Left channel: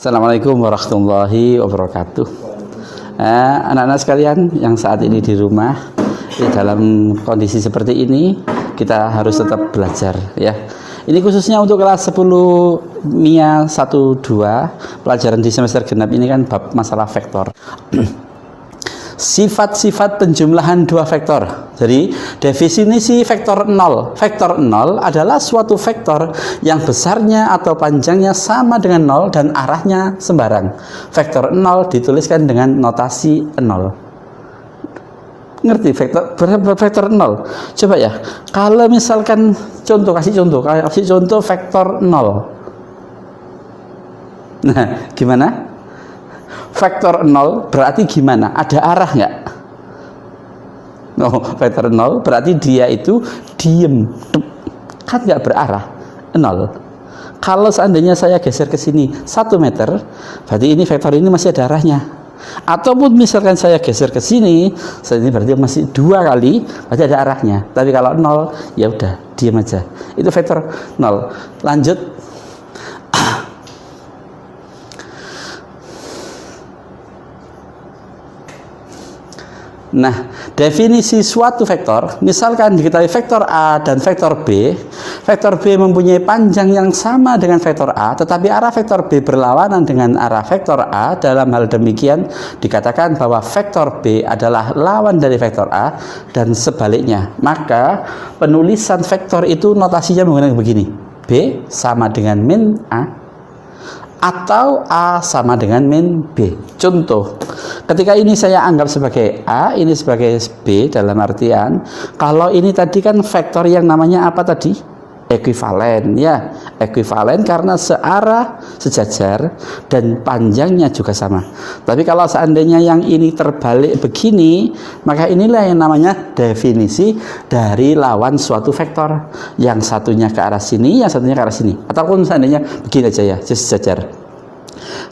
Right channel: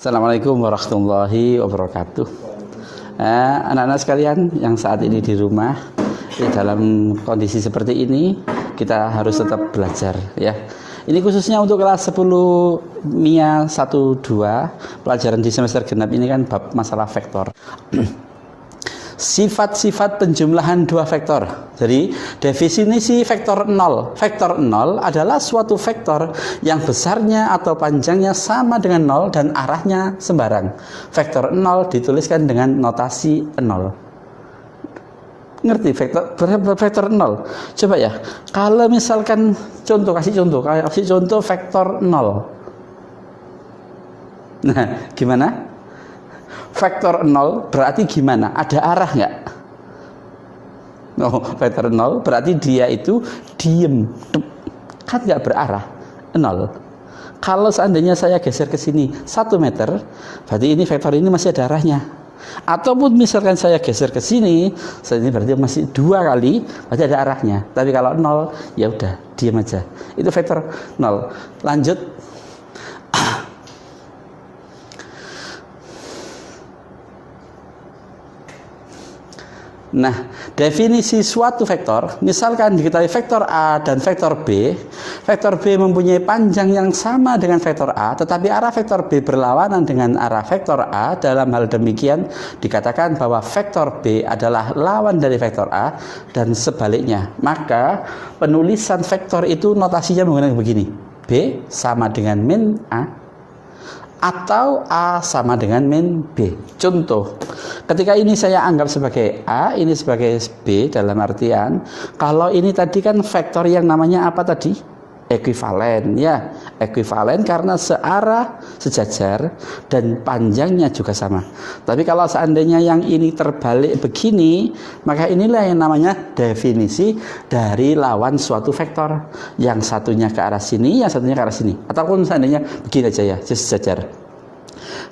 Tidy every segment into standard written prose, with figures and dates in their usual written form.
Assalamualaikum warahmatullahi wabarakatuh. Anak-anak sekalian yang saat ini di rumah, dalam kondisi seperti ini kita harus tetap belajar ya. Ini khususnya untuk kelas 10 MIA 1-2 pelajaran di semester genap ini kan bab masalah vektor. Sifat-sifat penjumlahan dua vektor. Jadi definisi vektor 0. Vektor 0 adalah suatu vektor yang besarnya atau panjangnya sama dengan 0 dan arahnya sembarang. Vektor 0 dituliskan dengan notasi 0. Ngerti vektor 0? Coba ya. Kalau misalkan kasih contoh vektor 0. Nah, gimana? Vektor 0 berarti gimana? Ada arah nggak? Vektor 0 berarti dia itu diem, kan nggak berarah, 0. Kalau seandainya saya geser ke sini 1 meter, berarti ini vektor ini masih ada arahnya. Ataupun misalkan saya geser ke sini, ini berarti masih 2 kali, berarti ada arahnya. Tapi kalau 0, ya udah diem aja. Itu vektor 0. Lanjut. Nah, definisi suatu vektor, misalkan diketahui vektor A dan vektor B. Vektor B mempunyai panjang yang sama dengan vektor A, tetapi arah vektor B berlawanan dengan arah vektor A. Dalam hal demikian, dikatakan bahwa vektor B adalah lawan dari vektor A dan sebaliknya. Maka, penulisan vektor itu notasinya menggunakan begini. B sama dengan min A. Atau A sama dengan min B. Contoh, ketika ini saya anggap sebagai A, ini sebagai B, dalam artian kalau ini tadi kan vektor yang namanya apa tadi? Ekuivalen ya, ekuivalen karena searah, sejajar dan panjangnya juga sama. Tapi kalau seandainya yang ini terbalik begini, maka inilah yang namanya definisi dari lawan suatu vektor. Yang satunya ke arah sini, yang satunya ke arah sini. Ataupun seandainya begini aja ya, sejajar.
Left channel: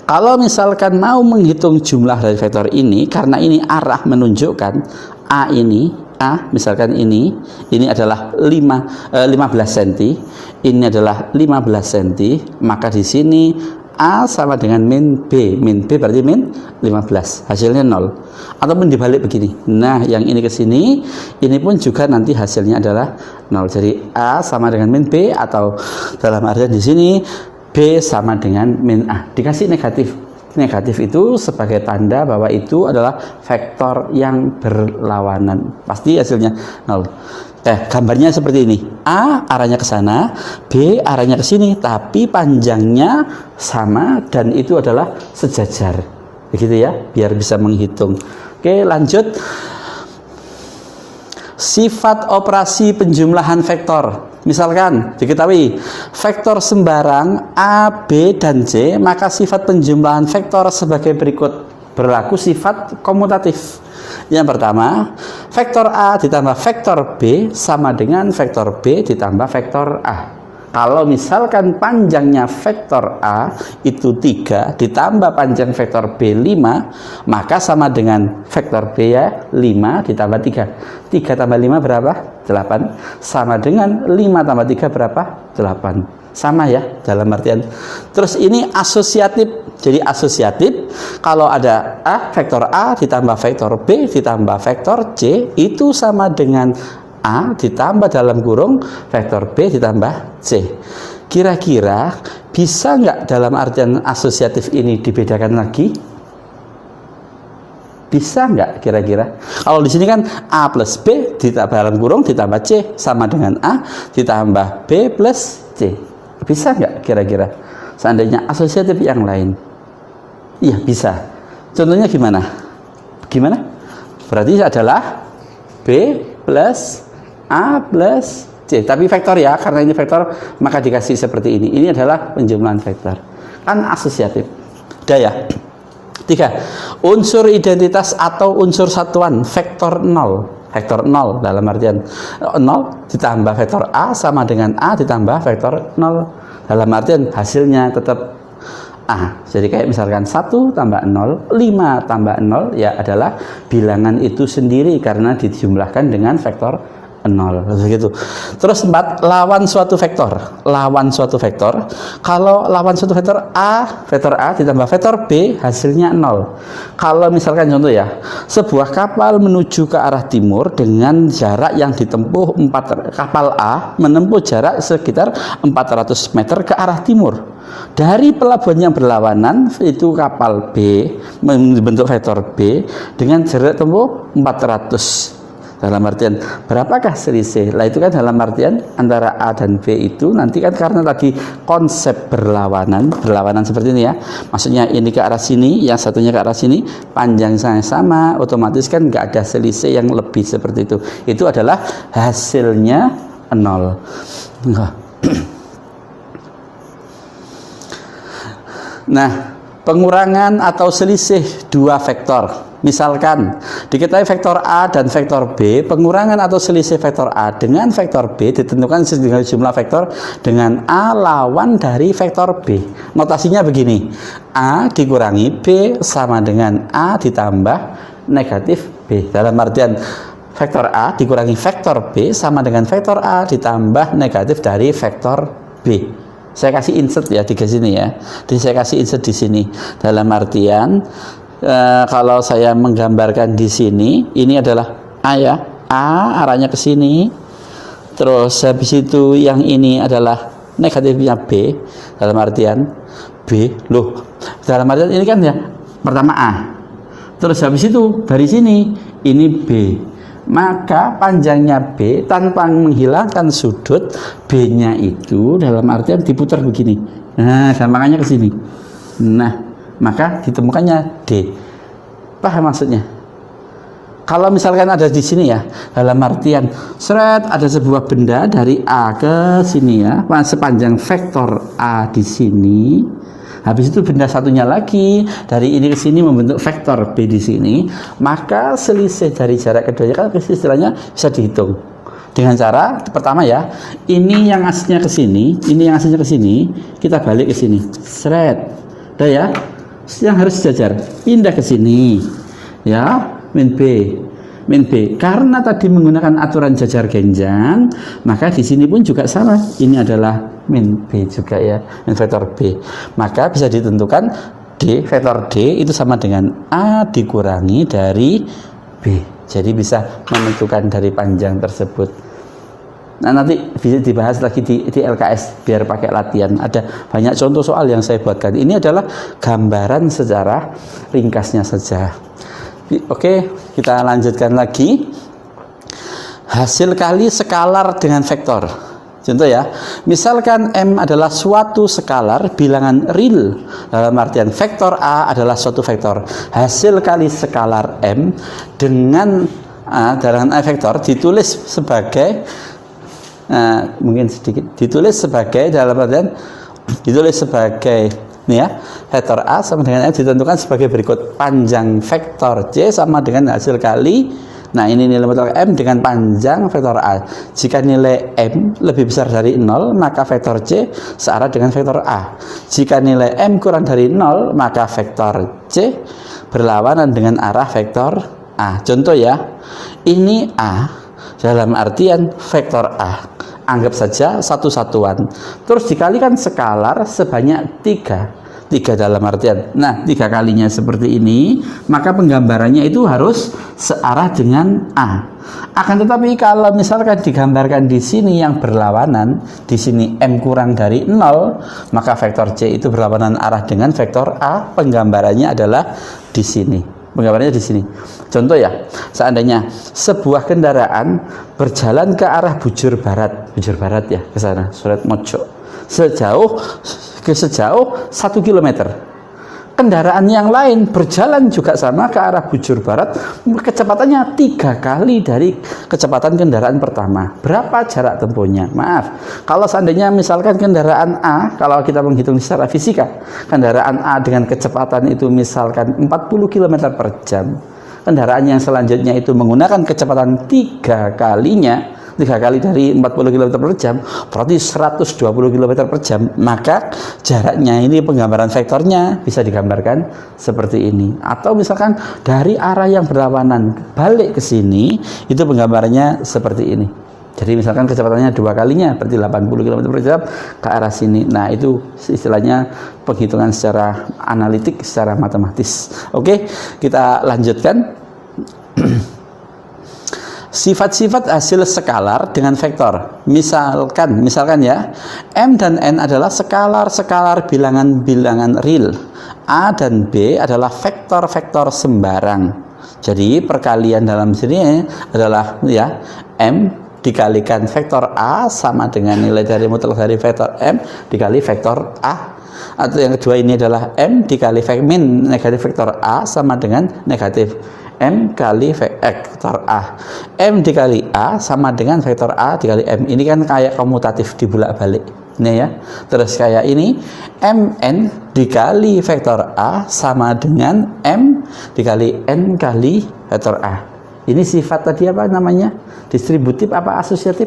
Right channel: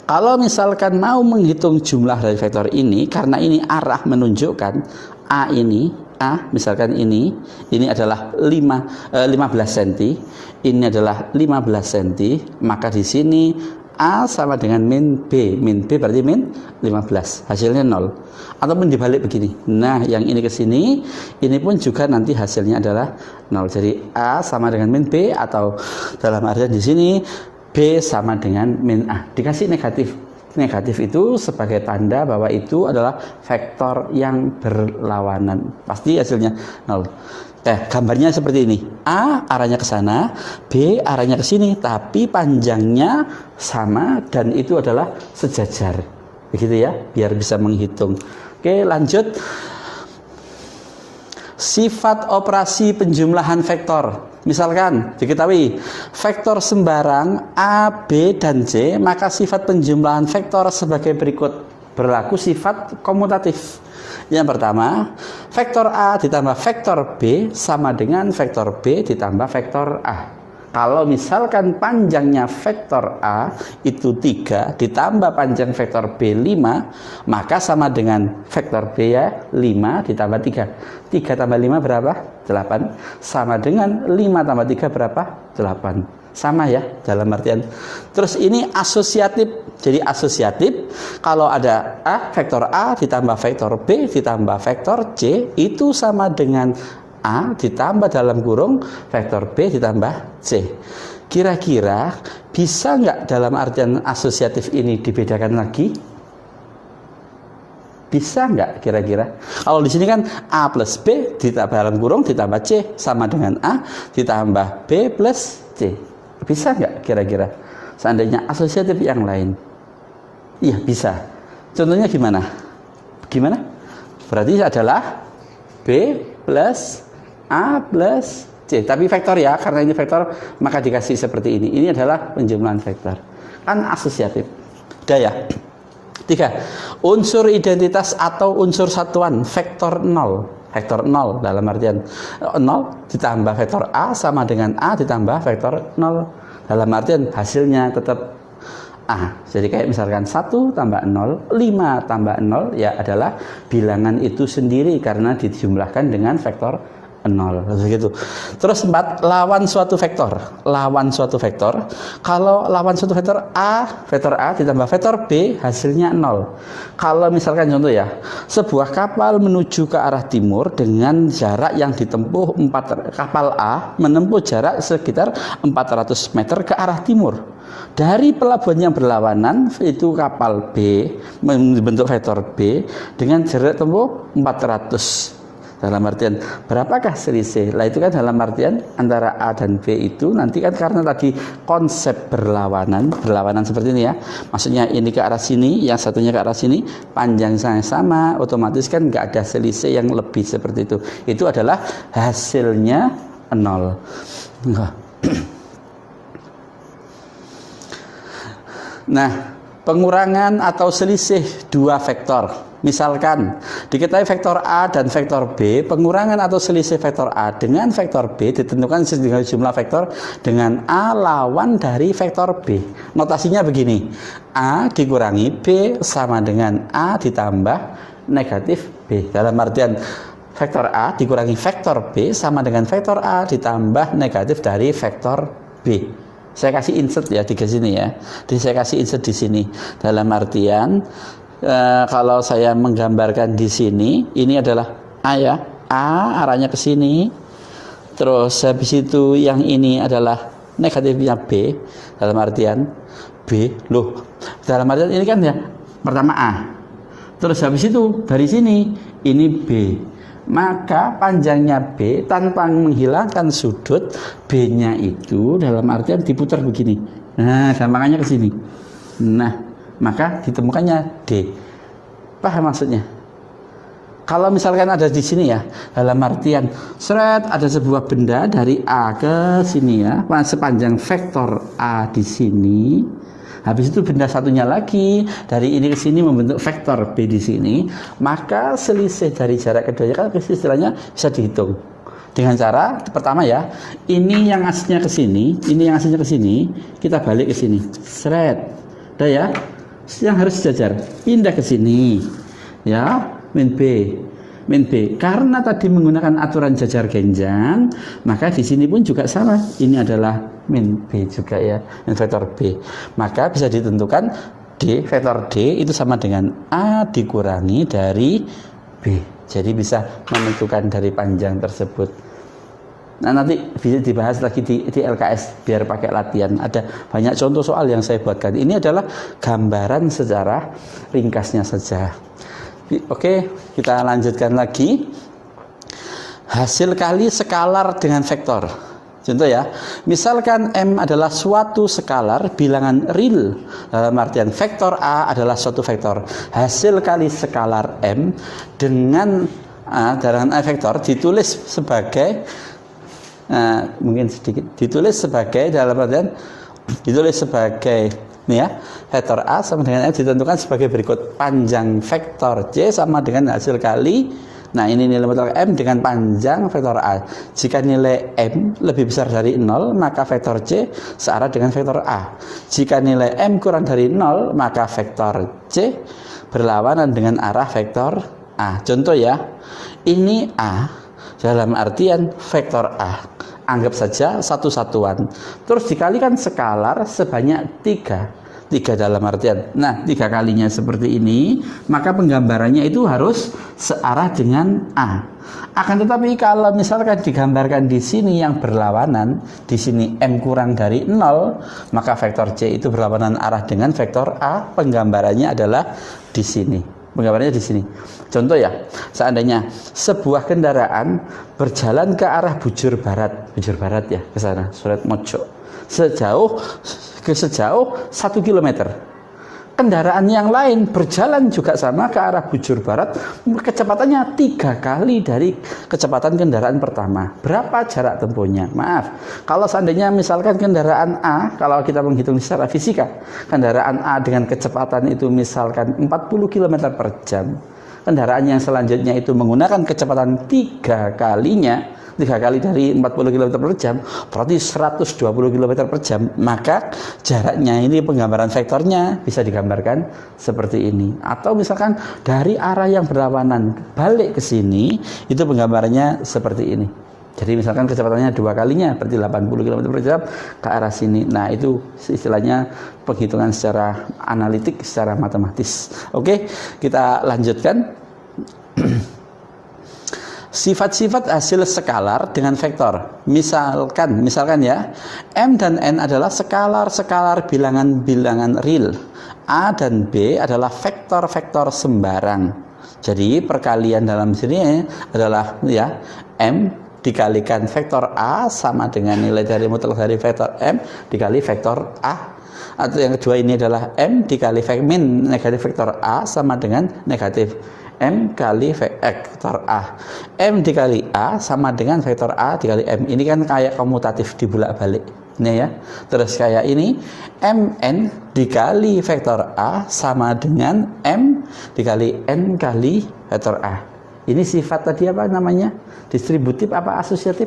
Kalau misalkan mau menghitung jumlah dari vektor ini, karena ini arah menunjukkan A ini, A misalkan ini adalah 15 cm, ini adalah 15 cm, maka di sini A sama dengan min B. Min B berarti min 15, hasilnya 0. Ataupun dibalik begini. Nah, yang ini ke sini, ini pun juga nanti hasilnya adalah 0. Jadi A sama dengan min B, atau dalam artian di sini B sama dengan min A. Dikasih negatif. Negatif itu sebagai tanda bahwa itu adalah vektor yang berlawanan. Pasti hasilnya 0. Gambarnya seperti ini. A arahnya ke sana, B arahnya ke sini, tapi panjangnya sama dan itu adalah sejajar. Begitu ya, biar bisa menghitung. Oke, lanjut. Sifat operasi penjumlahan vektor. Misalkan diketahui vektor sembarang A, B, dan C, maka sifat penjumlahan vektor sebagai berikut. Berlaku sifat komutatif. Yang pertama, vektor A ditambah vektor B sama dengan vektor B ditambah vektor A. Kalau misalkan panjangnya vektor A itu 3 ditambah panjang vektor B 5, maka sama dengan vektor B ya 5 ditambah 3. 3 tambah 5 berapa? 8. Sama dengan 5 tambah 3 berapa? 8. Sama ya dalam artian. Terus ini asosiatif. Jadi asosiatif kalau ada A, vektor A ditambah vektor B ditambah vektor C itu sama dengan A ditambah dalam kurung vektor B ditambah C. Kira-kira bisa nggak dalam artian asosiatif ini dibedakan lagi? Bisa nggak kira-kira? Kalau di sini kan A plus B ditambah dalam kurung ditambah C sama dengan A ditambah B plus C. Bisa nggak kira-kira? Seandainya asosiatif yang lain. Iya bisa. Contohnya gimana? Gimana? Berarti adalah B plus A plus C, tapi vektor ya, karena ini vektor maka dikasih seperti ini. Ini adalah penjumlahan vektor. Kan asosiatif. Udah ya. 3. Unsur identitas atau unsur satuan vektor 0. Vektor 0 dalam artian 0 ditambah vektor A sama dengan A ditambah vektor 0. Dalam artian hasilnya tetap A. Jadi kayak misalkan 1 tambah 0, 5 tambah 0 ya adalah bilangan itu sendiri karena dijumlahkan dengan vektor 0. 0 begitu. Terus 4, lawan suatu vektor. Lawan suatu vektor. Kalau lawan suatu vektor A ditambah vektor B hasilnya 0. Kalau misalkan contoh ya, sebuah kapal menuju ke arah timur dengan jarak yang ditempuh kapal A menempuh jarak sekitar 400 meter ke arah timur. Dari pelabuhan yang berlawanan itu kapal B membentuk vektor B dengan jarak tempuh 400. Dalam artian berapakah selisih? Lah itu kan dalam artian antara A dan B itu nanti kan karena tadi konsep berlawanan seperti ini ya. Maksudnya ini ke arah sini, yang satunya ke arah sini, panjangnya sama, otomatis kan nggak ada selisih yang lebih seperti itu. Itu adalah hasilnya 0. Nah, pengurangan atau selisih dua vektor. Misalkan diketahui vektor A dan vektor B, pengurangan atau selisih vektor A dengan vektor B ditentukan dengan jumlah vektor dengan A lawan dari vektor B. Notasinya begini, A dikurangi B sama dengan A ditambah negatif B. Dalam artian vektor A dikurangi vektor B sama dengan vektor A ditambah negatif dari vektor B. Saya kasih insert ya di sini ya. Jadi saya kasih insert di sini. Dalam artian kalau saya menggambarkan di sini, ini adalah A ya. A arahnya ke sini. Terus habis itu yang ini adalah negatifnya B. Dalam artian B. Loh, dalam artian ini kan ya pertama A. Terus habis itu dari sini ini B. Maka panjangnya B tanpa menghilangkan sudut B-nya itu dalam artian diputar begini. Nah, gampangannya ke sini. Nah, maka ditemukannya D. Paham maksudnya? Kalau misalkan ada di sini ya, dalam artian ada sebuah benda dari A ke sini ya, sepanjang vektor A di sini. Habis itu benda satunya lagi dari ini ke sini membentuk vektor B di sini, maka selisih dari jarak keduanya kan istilahnya bisa dihitung dengan cara pertama ya, ini yang aslinya ke sini, ini yang aslinya ke sini, kita balik ke sini, udah ya, yang harus sejajar, pindah ke sini, ya, min B. Karena tadi menggunakan aturan jajar genjang, maka di sini pun juga sama. Ini adalah min B juga ya, min vektor B. Maka bisa ditentukan D, vektor D itu sama dengan A dikurangi dari B. Jadi bisa menentukan dari panjang tersebut. Nah, nanti bisa dibahas lagi di LKS biar pakai latihan. Ada banyak contoh soal yang saya buatkan. Ini adalah gambaran secara ringkasnya saja. Oke, kita lanjutkan lagi. Hasil kali skalar dengan vektor. Contoh ya, misalkan M adalah suatu skalar bilangan real. Dalam artian vektor A adalah suatu vektor. Hasil kali skalar M dengan dalam vektor ditulis sebagai mungkin sedikit ditulis sebagai dalam artian ditulis sebagai ini ya, vektor A sama dengan M ditentukan sebagai berikut. Panjang vektor C sama dengan hasil kali, nah ini nilai vektor M dengan panjang vektor A. Jika nilai M lebih besar dari 0, maka vektor C searah dengan vektor A. Jika nilai M kurang dari 0, maka vektor C berlawanan dengan arah vektor A. Contoh ya, ini A dalam artian vektor A. Anggap saja satu satuan. Terus dikalikan skalar sebanyak 3 dalam artian. Nah, 3 kalinya seperti ini, maka penggambarannya itu harus searah dengan A. Akan tetapi kalau misalkan digambarkan di sini yang berlawanan, di sini M kurang dari 0, maka vektor C itu berlawanan arah dengan vektor A. Penggambarannya adalah di sini. Penggambarannya di sini. Contoh ya, seandainya sebuah kendaraan berjalan ke arah bujur barat ya, ke sana, Surat Mojo, sejauh 1 kilometer. Kendaraan yang lain berjalan juga sama ke arah bujur barat, kecepatannya 3 kali dari kecepatan kendaraan pertama. Berapa jarak tempuhnya? Maaf, kalau seandainya misalkan kendaraan A, kalau kita menghitung secara fisika, kendaraan A dengan kecepatan itu misalkan 40 km per jam, kendaraan yang selanjutnya itu menggunakan kecepatan 3 kali dari 40 km per jam, berarti 120 km per jam. Maka jaraknya ini penggambaran vektornya bisa digambarkan seperti ini. Atau misalkan dari arah yang berlawanan balik ke sini, itu penggambarannya seperti ini. Jadi misalkan kecepatannya 2 kalinya, berarti 80 km per jam ke arah sini. Nah, itu istilahnya penghitungan secara analitik, secara matematis. Oke, kita lanjutkan. Sifat-sifat hasil skalar dengan vektor. Misalkan ya, M dan N adalah skalar-skalar bilangan-bilangan real. A dan B adalah vektor-vektor sembarang. Jadi perkalian dalam sini adalah ya M dikalikan vektor A sama dengan nilai dari mutlak dari vektor M dikali vektor A. Atau yang kedua ini adalah M dikali min negatif vektor A sama dengan negatif M kali vektor A. M dikali A sama dengan vektor A dikali M. Ini kan kayak komutatif dibulak-balik. Ini ya. Terus kayak ini MN dikali vektor A sama dengan M dikali N kali vektor A. Ini sifat tadi apa namanya? Distributif apa asosiatif?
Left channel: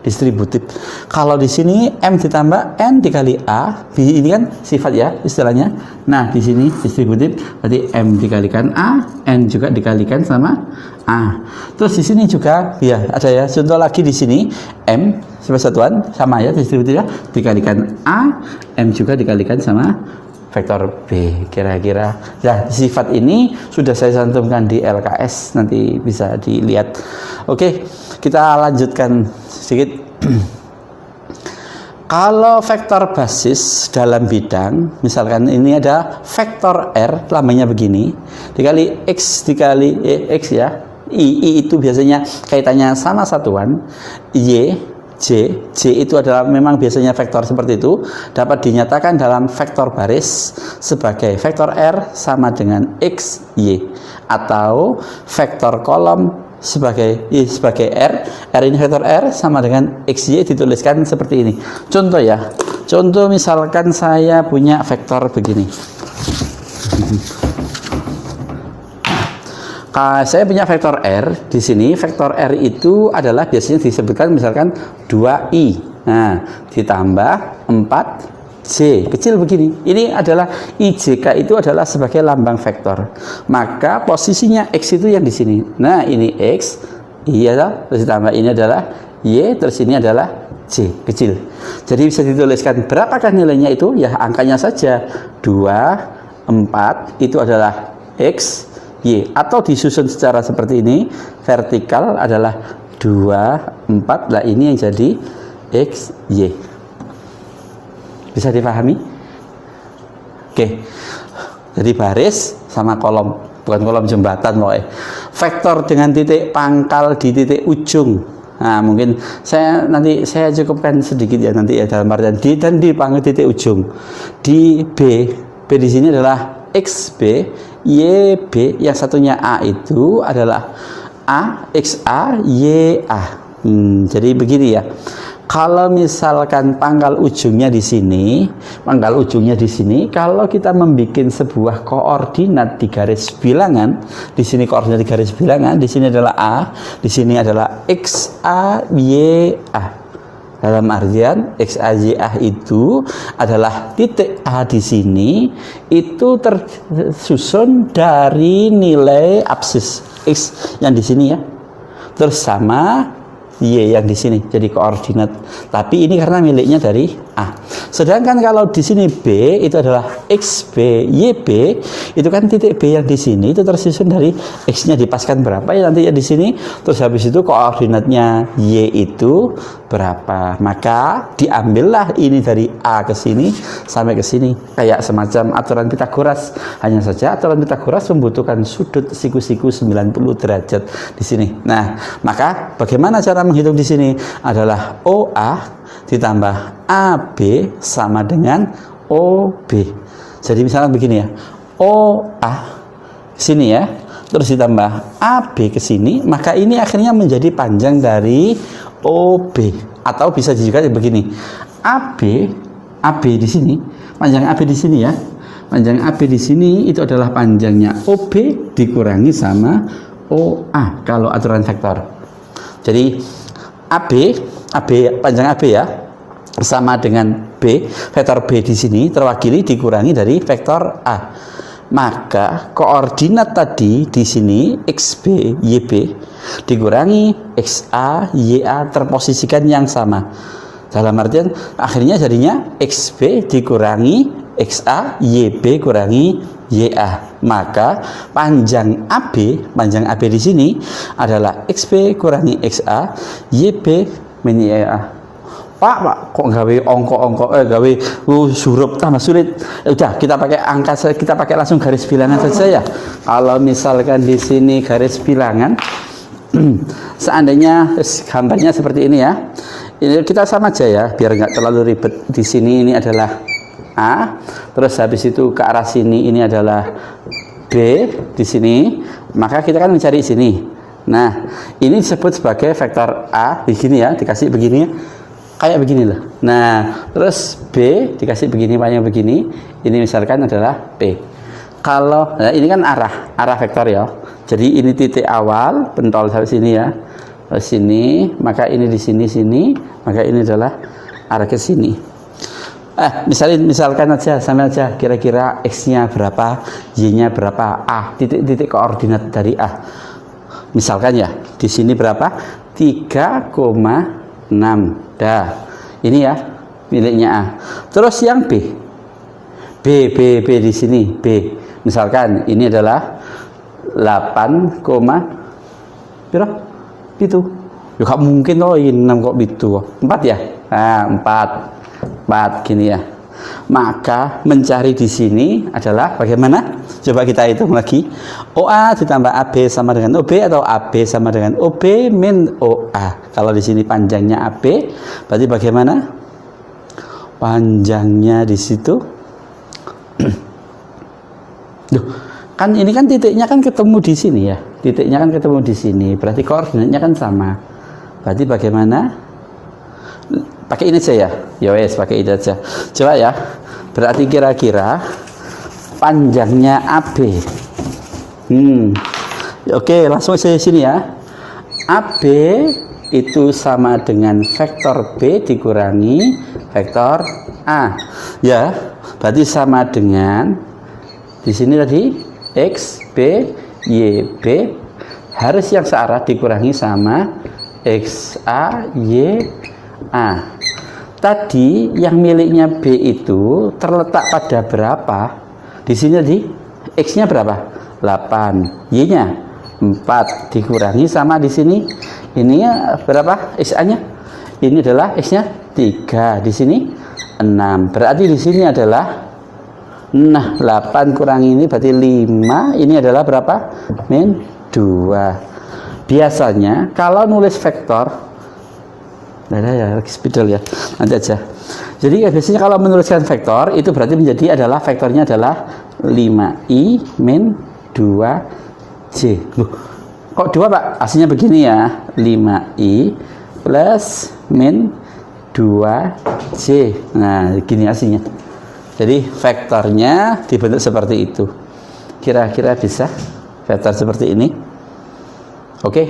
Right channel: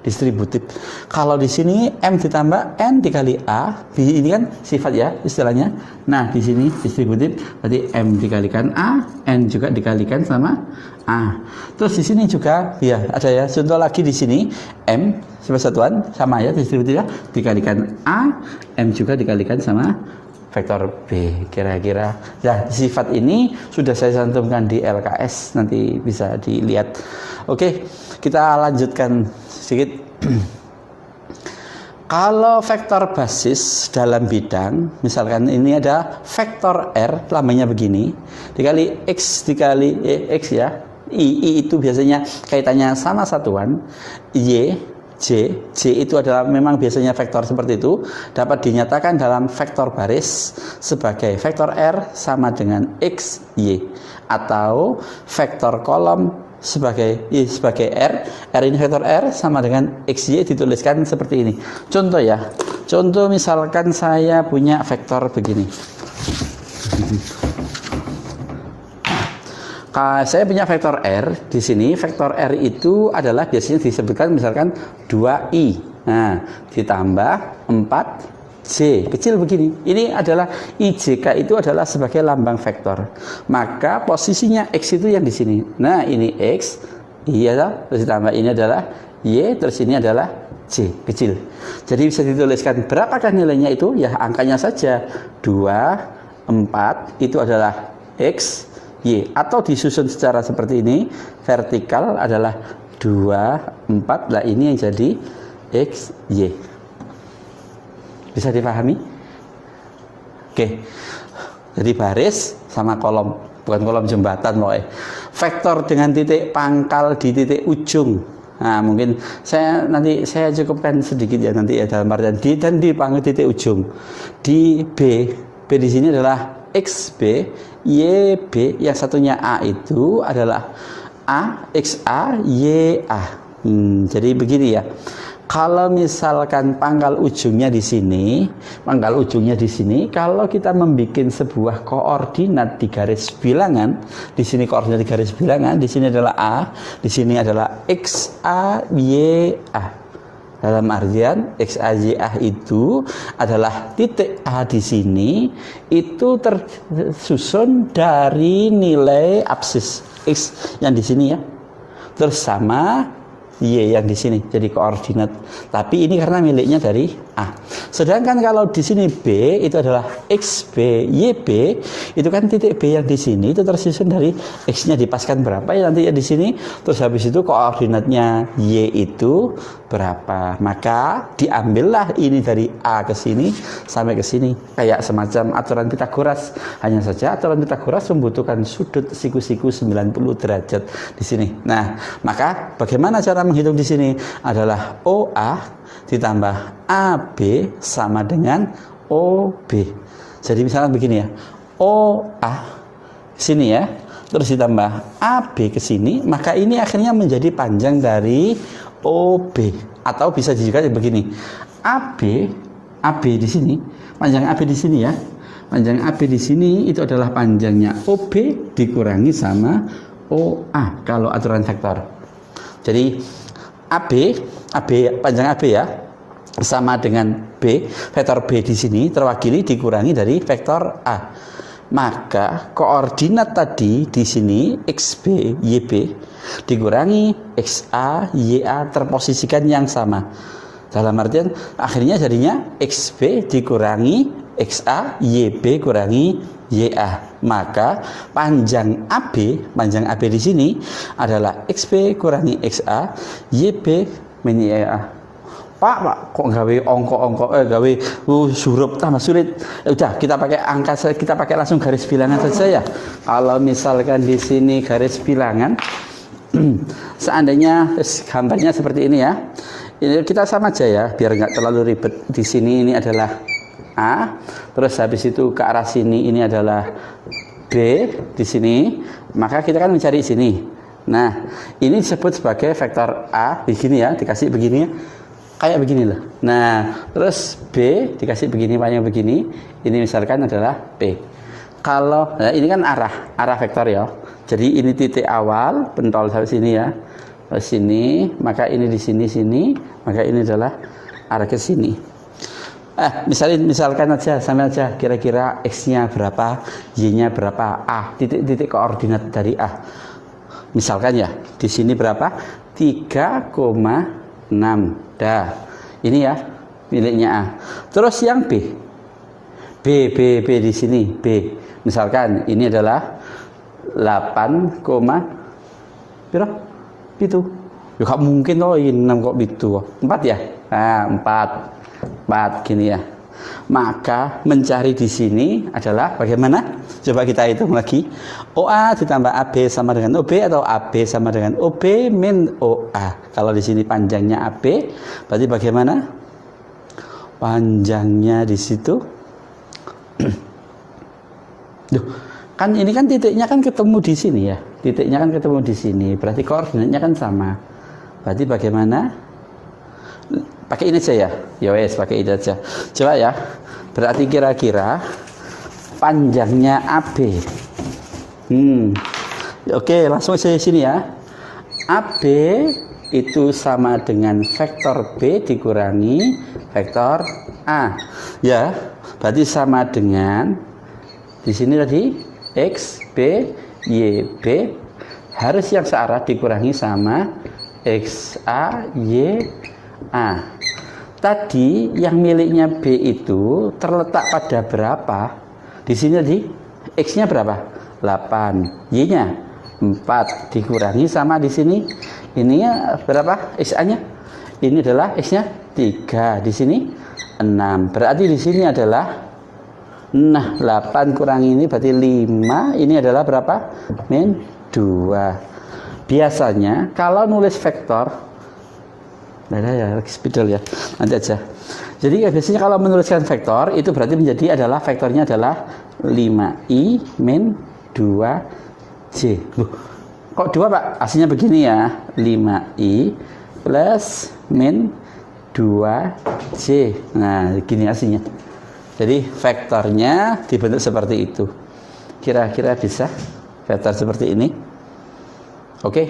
Distributif. Kalau di sini M ditambah N dikali A, ini kan sifat ya istilahnya. Nah, di sini distributif, berarti M dikalikan A, N juga dikalikan sama A. Terus di sini juga ya ada ya contoh lagi di sini M sebagai satuan sama ya distributif ya, dikalikan A, M juga dikalikan sama vektor B. Kira-kira ya sifat ini sudah saya cantumkan di LKS, nanti bisa dilihat. Oke, kita lanjutkan sedikit. Kalau vektor basis dalam bidang, misalkan ini ada vektor R, lambangnya begini, dikali X dikali X ya. I itu biasanya kaitannya sama satuan. Y, J itu adalah memang biasanya vektor seperti itu, dapat dinyatakan dalam vektor baris sebagai vektor R sama dengan X, Y, atau vektor kolom sebagai R ini vektor R sama dengan XY dituliskan seperti ini. Contoh ya, contoh misalkan saya punya vektor begini. Saya punya vektor R di sini. Vektor R itu adalah biasanya disebutkan misalkan 2i, nah ditambah 4j kecil begini. Ini adalah IJK itu adalah sebagai lambang vektor. Maka posisinya X itu yang di sini. Nah ini X, iya, terus ditambah ini adalah Y, terus ini adalah J kecil. Jadi bisa dituliskan berapakah nilainya itu? Ya angkanya saja 2, 4 itu adalah X, Y, atau disusun secara seperti ini, vertikal adalah 2, 4, lah ini yang jadi X, Y. Bisa dipahami? Oke. Jadi baris sama kolom, bukan kolom jembatan loh. Vektor dengan titik pangkal di titik ujung. Nah, mungkin nanti saya cukupkan sedikit ya nanti ya dalam artian di dan di pangkal titik ujung. Di B di sini adalah XB, YB, yang satunya A itu adalah A, XA, YA. Jadi begini ya. Kalau misalkan pangkal ujungnya di sini, kalau kita membuat sebuah koordinat di garis bilangan, di sini koordinat di garis bilangan, di sini adalah A, di sini adalah XA, YA. Dalam artian XAYA itu adalah titik A di sini itu tersusun dari nilai absis X yang di sini ya. Terus sama Y yang di sini jadi koordinat. Tapi ini karena miliknya dari A. Sedangkan kalau di sini B itu adalah XB, YB, itu kan titik B yang di sini itu tersusun dari X-nya dipaskan berapa ya nanti ya di sini. Terus habis itu koordinatnya Y itu berapa. Maka diambillah ini dari A ke sini sampai ke sini. Kayak semacam aturan Pitagoras. Hanya saja aturan Pitagoras membutuhkan sudut siku-siku 90 derajat di sini. Nah, maka bagaimana cara menghitung di sini adalah OA ditambah AB sama dengan OB. Jadi misalnya begini ya, OA sini ya, terus ditambah AB ke sini, maka ini akhirnya menjadi panjang dari OB. Atau bisa juga begini, AB di sini, panjang AB di sini ya, panjang AB di sini itu adalah panjangnya OB dikurangi sama OA kalau aturan vektor. Jadi AB panjang AB ya sama dengan B, vektor B di sini terwakili dikurangi dari vektor A. maka koordinat tadi di sini XB, YB dikurangi XA, YA terposisikan yang sama. Dalam artian akhirnya jadinya XB dikurangi XA, YB kurangi YA. Maka panjang AB di sini adalah XB kurangi XA, YB min YA. Pak, kok gawe gawe huruf tambah sulit. Udah, kita pakai angka, kita pakai langsung garis bilangan saja ya. Kalau misalkan di sini garis bilangan, seandainya gambarnya seperti ini ya. Ini kita sama aja ya, biar nggak terlalu ribet. Di sini ini adalah A, terus habis itu ke arah sini ini adalah B di sini. Maka kita kan mencari sini. Nah, ini disebut sebagai vektor A di sini ya, dikasih begini ya. Kayak begini loh. Nah, terus B dikasih begini, panjang begini. Ini misalkan adalah P. Kalau nah ini kan arah vektor ya. Jadi ini titik awal pentol sampai sini ya. Terus sini, maka ini di sini, maka ini adalah arah ke sini. Misalkan aja sama aja kira-kira X-nya berapa, Y-nya berapa, A, titik koordinat dari A. Misalkan ya, di sini berapa? 3,6. Dah, ini ya miliknya A. Terus yang B di sini B. Misalkan ini adalah 8, berapa? Itu. Ya gak mungkin loh ini 6 kok itu. 4 ya? Nah, 4 gini ya. Maka mencari di sini adalah bagaimana? Coba kita hitung lagi. OA ditambah AB sama dengan OB atau AB sama dengan OB min OA. Kalau di sini panjangnya AB, berarti bagaimana? Panjangnya di situ. Duh, kan ini kan titiknya kan ketemu di sini ya. Titiknya kan ketemu di sini. Berarti koordinatnya kan sama. Berarti bagaimana? Pakai ini aja ya. Ya wes, pakai ini aja. Coba ya. Berarti kira-kira panjangnya AB. Oke, langsung saya sini ya. AB itu sama dengan vektor B dikurangi vektor A. Ya, berarti sama dengan di sini tadi X, B, Y, B harus yang searah dikurangi sama X, A, Y, A. Tadi yang miliknya B itu terletak pada berapa? Di sini tadi X-nya berapa? 8, Y-nya 4 dikurangi sama di sini ini berapa? XA-nya? Ini adalah X-nya 3, di sini 6. Berarti di sini adalah 8 kurang ini berarti 5. Ini adalah berapa? Min 2. Biasanya kalau nulis vektor ya spidol ya, nanti aja. Jadi biasanya kalau menuliskan vektor itu berarti menjadi adalah vektornya adalah 5i min 2j. Kok 2 Pak? Aslinya begini ya, 5i plus min 2j. Nah gini aslinya. Jadi vektornya dibentuk seperti itu. Kira-kira bisa vektor seperti ini? Oke.